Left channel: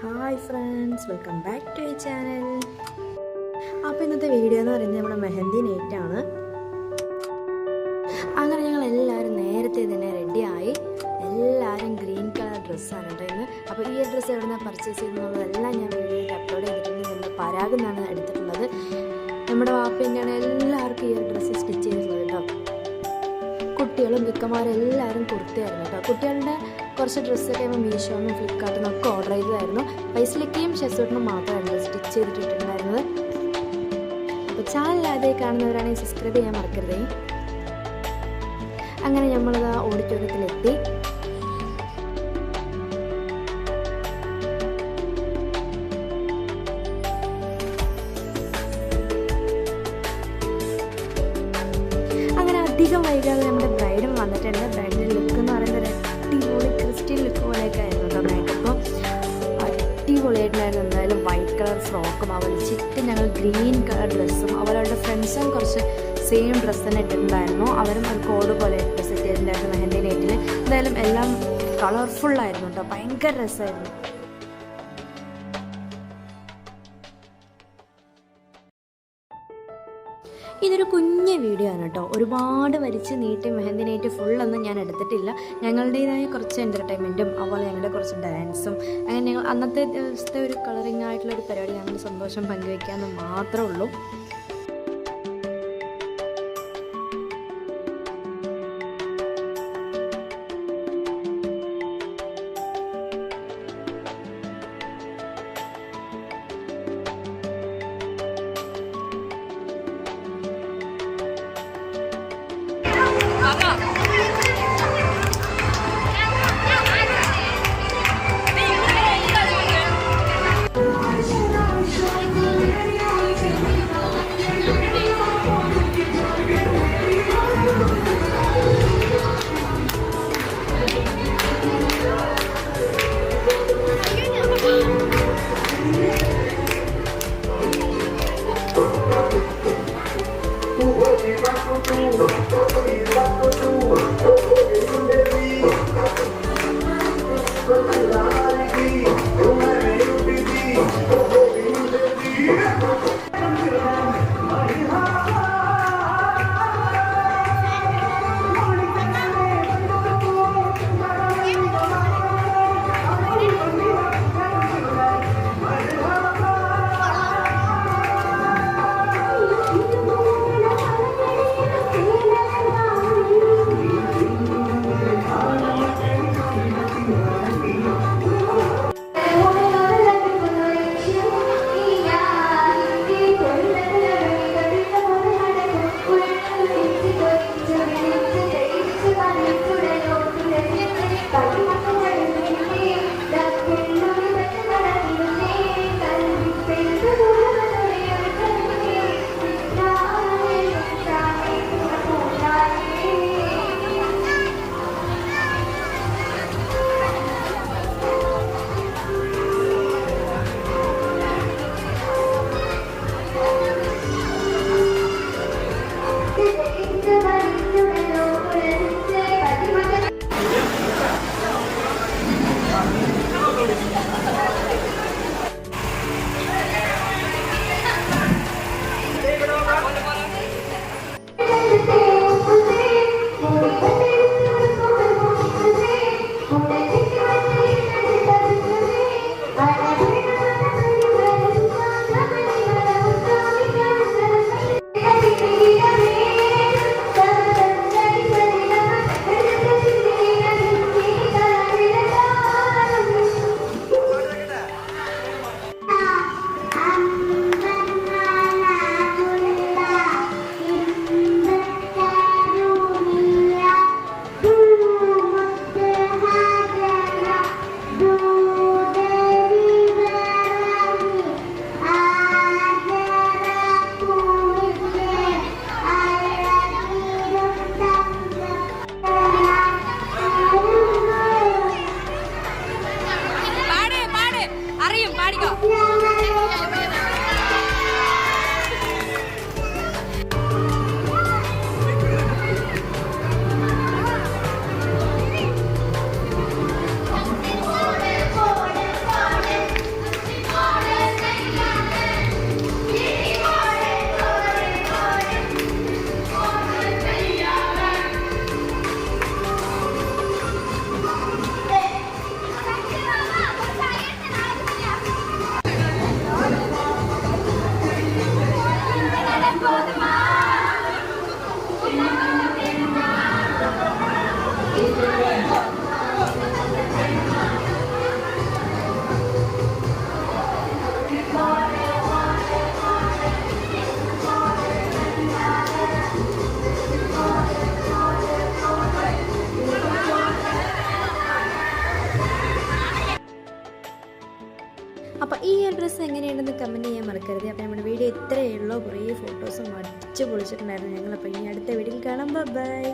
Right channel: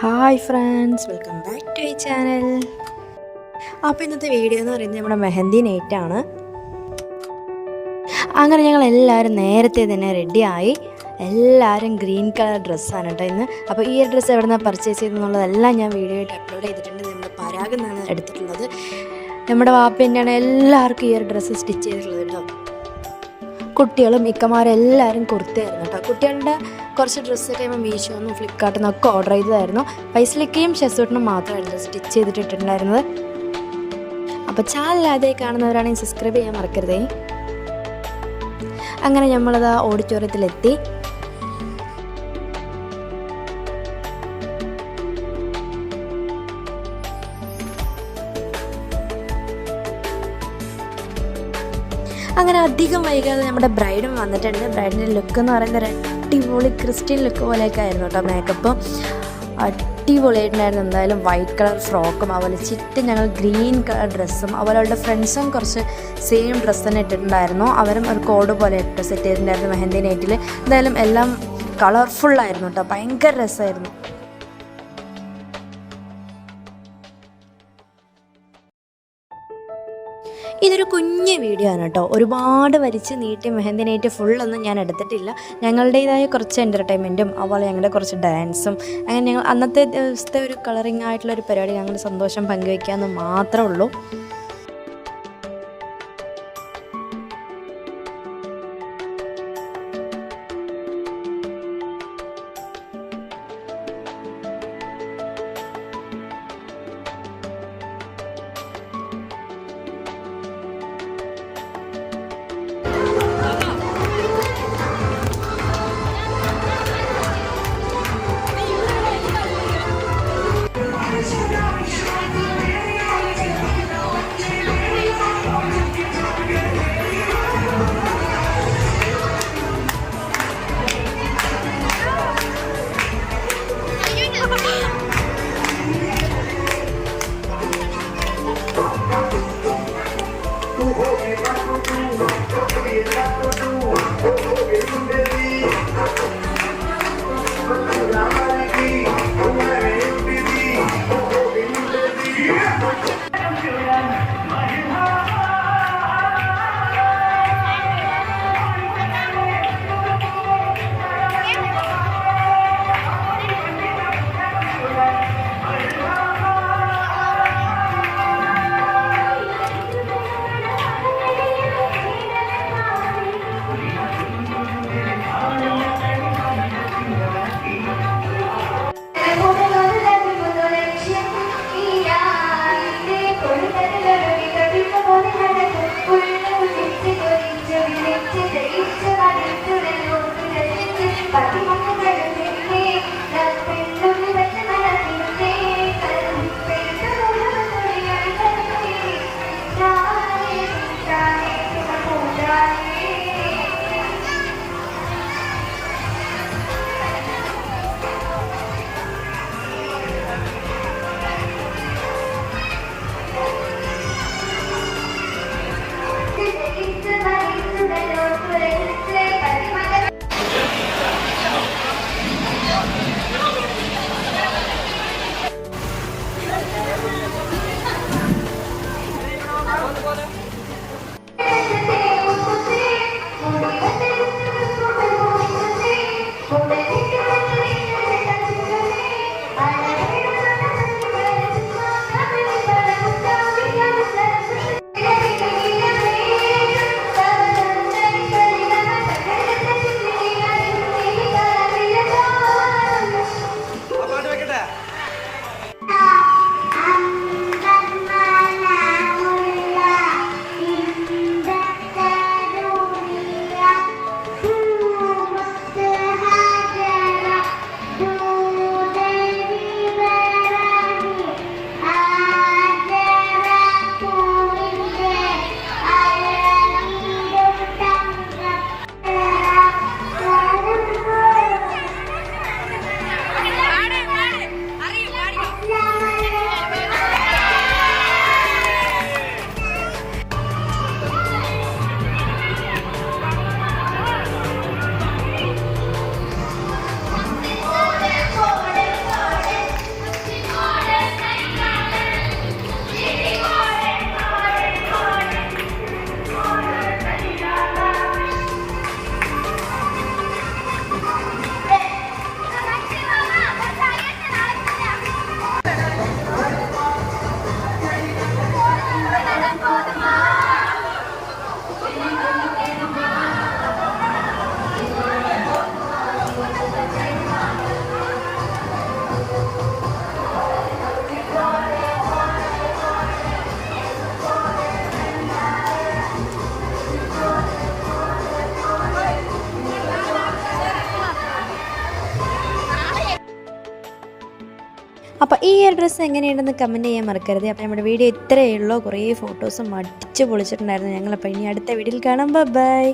Hi friends, welcome back to ഈ channel. അപ്പോൾ ഇന്നത്തെ വീഡിയോ എന്ന് പറയുന്നത് നമ്മുടെ മെഹന്തി നൈറ്റാണ്. അങ്ങനെ ഞങ്ങൾ എല്ലാവരും നേരത്തെ തന്നെ റെഡിയായി. എല്ലാവരും ഗ്രീൻ കളർ ഡ്രസ്സാണ് കേട്ടോ ഇന്ന്. അപ്പോൾ ഈ ഒരു ഡ്രസ്സ് എവിടെ നിന്നാണ് പർച്ചേസ് ചെയ്തെന്നുള്ളതെല്ലാം ഞാൻ വീഡിയോ ആയിട്ട് അപ്ലോഡ് ചെയ്തിട്ടുണ്ട്. നമ്മൾ പരാഗിൽ നിന്നാണ് എടുത്തിട്ടുള്ളത്. നമ്മുടെ വാപ്പ തന്നെയാണ് എല്ലാവർക്കും ഈ ഒരു ഡ്രസ്സ് സ്റ്റിച്ച് ചെയ്തിട്ടുള്ളത് കേട്ടോ. കുട്ടികളും മിക്കമാരും എല്ലാവരും കുർത്തയായിരുന്നു കേട്ടോ. കുട്ടികളുടെ കുറച്ച് ഡ്രസ്സൊക്കെ മീഷോന്നും ഫ്ലിപ്കാർട്ടിൽ നിന്നൊക്കെ ഓർഡർ ചെയ്തതായിരുന്നു. ഫൈസലിക്കയും ഷെസൂട്ടിനും മാത്രമായിരുന്നു സ്റ്റിച്ച് ചെയ്തിട്ടുണ്ടായിരുന്നത്. അപ്പോൾ ചാനൽ ആദ്യമായി കാണുന്നവരാണെങ്കിൽ സബ്സ്ക്രൈബ് ചെയ്യാൻ മറക്കരുതേ. അങ്ങനെ നമ്മളത് ആ ഓഡിറ്റോറിയത്തിലെത്തി. അങ്ങനെ അധികം വൈകാതെ നമ്മുടെ ബ്രൈഡും വന്നിട്ടുണ്ട്. ബ്രൈഡിൻ്റെ ലുക്ക് എന്ന് പറയുന്നത് അടിപൊളി ക്രിസ്ത്യൻ ലുക്ക് പോലെയൊക്കെ ആയിരുന്നു കേട്ടോ. മേക്കപ്പ് അടിപൊളിയായിട്ടുണ്ടായിരുന്നു. എന്തായാലും വൈറ്റ് കളർ ഫ്രോക്കും അതുപോലെ ചുറ്റും ഞങ്ങൾ ഗ്രീൻ കളർ ഡ്രസ്സും അതുപോലെ അവരുടെ ഫ്രണ്ട്സും കുറച്ച് സെയിം ഡ്രസ്സ് തന്നെ ഇട്ടിട്ടുണ്ടായിരുന്നു. അവരും ഒരു കോഡ് പോലെ ഇട്ട് സെറ്റ് ചെയ്തിട്ടുണ്ടായിരുന്നു മെഹന്തി നൈറ്റിൽ. എന്തായാലും എല്ലാം കളർഫുള്ളായിരുന്നു കേട്ടോ. ഭയങ്കര രസമായിരുന്നു. ഇതൊരു കുഞ്ഞ് വീഡിയോ ആണ് കേട്ടോ. ഒരുപാട് വലിച്ച് നീട്ടി മെഹന്തി നൈറ്റ് ഫുള്ളൊന്നും ഞാൻ എടുത്തിട്ടില്ല. ഞങ്ങളുടേതായ കുറച്ച് എൻ്റർടൈൻമെൻറ്റും അതുപോലെ ഞങ്ങളുടെ കുറച്ച് ഡാൻസും അങ്ങനെ ഞങ്ങൾ അന്നത്തെ ദിവസത്തെ ഒരു കളറിങ് ആയിട്ടുള്ളൊരു പരിപാടി ഞങ്ങളുടെ സന്തോഷം പങ്കുവയ്ക്കാമെന്ന് മാത്രമേ ഉള്ളൂ. അപ്പോൾ ഈ ഒരു ഡ്രസ്സ് എങ്ങനെയുണ്ടെന്ന് കമൻറ്റ് ചെയ്യാൻ മറക്കരുത്. അപ്പോൾ നമ്മുടെ വീഡിയോ ഇത്രയേ ഉള്ളൂ. കുറേ ഫോട്ടോസും അടിച്ച് പൊളിച്ചിട്ടുണ്ടായിരുന്നു ഞങ്ങളപ്പോൾ ഇനി അടുത്ത വീഡിയോയിൽ കാണാം. ബൈ.